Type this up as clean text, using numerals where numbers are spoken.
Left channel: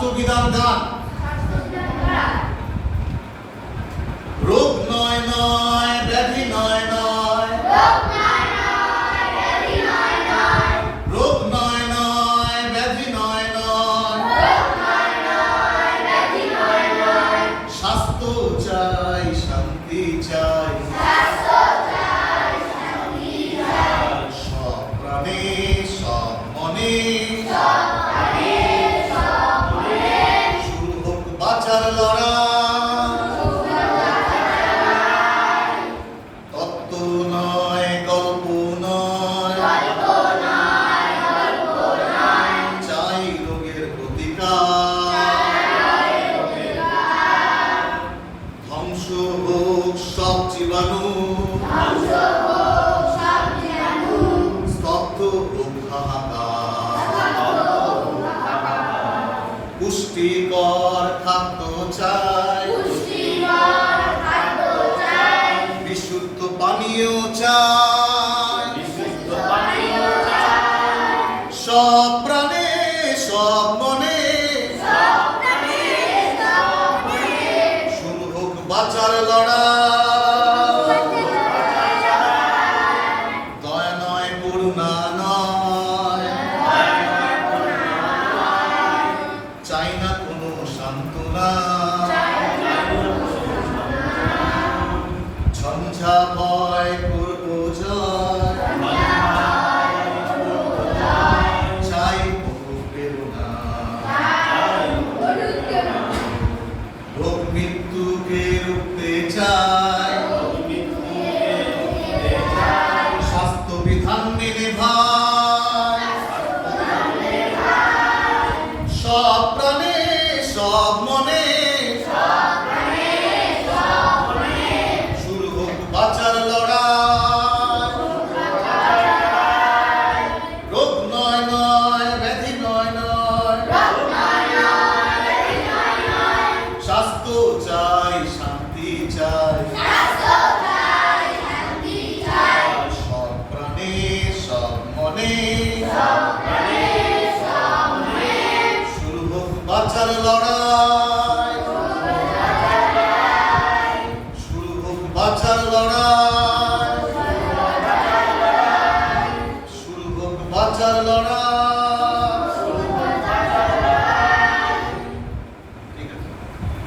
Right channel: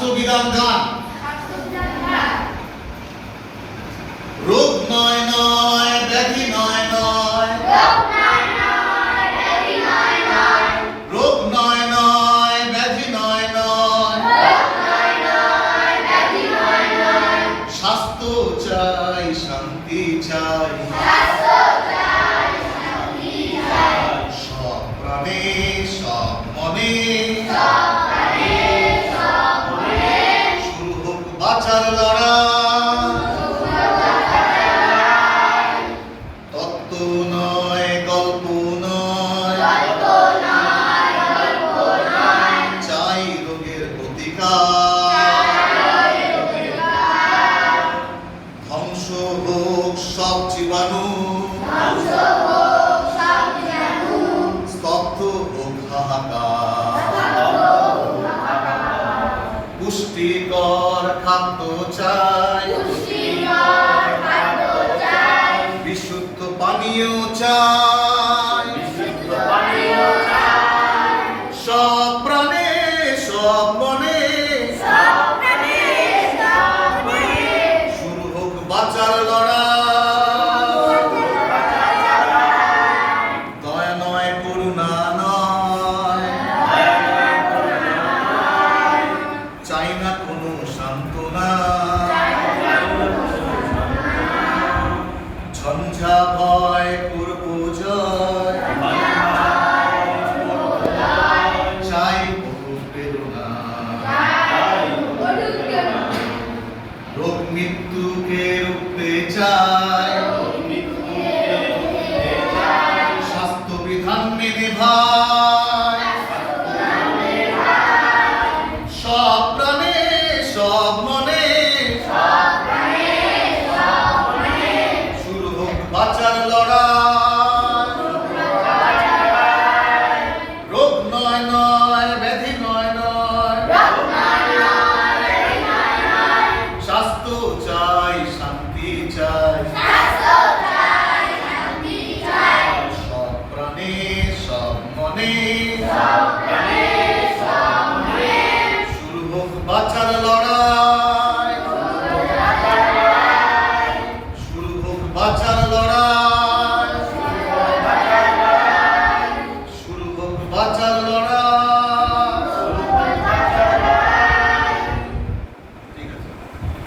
স্বাস্থ্যবিধান গান। রোগ নয় নয় ব্যাধি নয় নয়, রোগ নয় নয় ব্যাধি নয় নয়, স্বাস্থ্য চাই শান্তি চাই, সব প্রাণে সব মনে শুরু হোক বাঁচার লড়াই। তত্ত্ব নয় গল্প নয়, চাই রোগের প্রতিকার। ধ্বংস হোক সব জীবাণু, স্তব্ধ হোক হাহাকার। পুষ্টিকর খাদ্য চাই, বিশুদ্ধ পানীয় চাই, সব প্রাণে সব মনে শুরু হোক বাঁচার লড়াই। দয়া নয় করুণা নয়, চাই না কোনো সান্ত্বনা, ঝঞ্ঝা ভয় করব জয়, চাই প্রেরণা। রোগ মৃত্যুকে রুখতে চাই, স্বাস্থ্য বিধান মেনে ভাই। সব প্রাণে সব মনে শুরু হোক বাঁচার লড়াই। রোগ নয় নয় ব্যাধি নয় নয়, স্বাস্থ্য চাই শান্তি চাই, সব প্রাণে সব মনে শুরু হোক বাঁচার লড়াই, শুরু হোক বাঁচার লড়াই।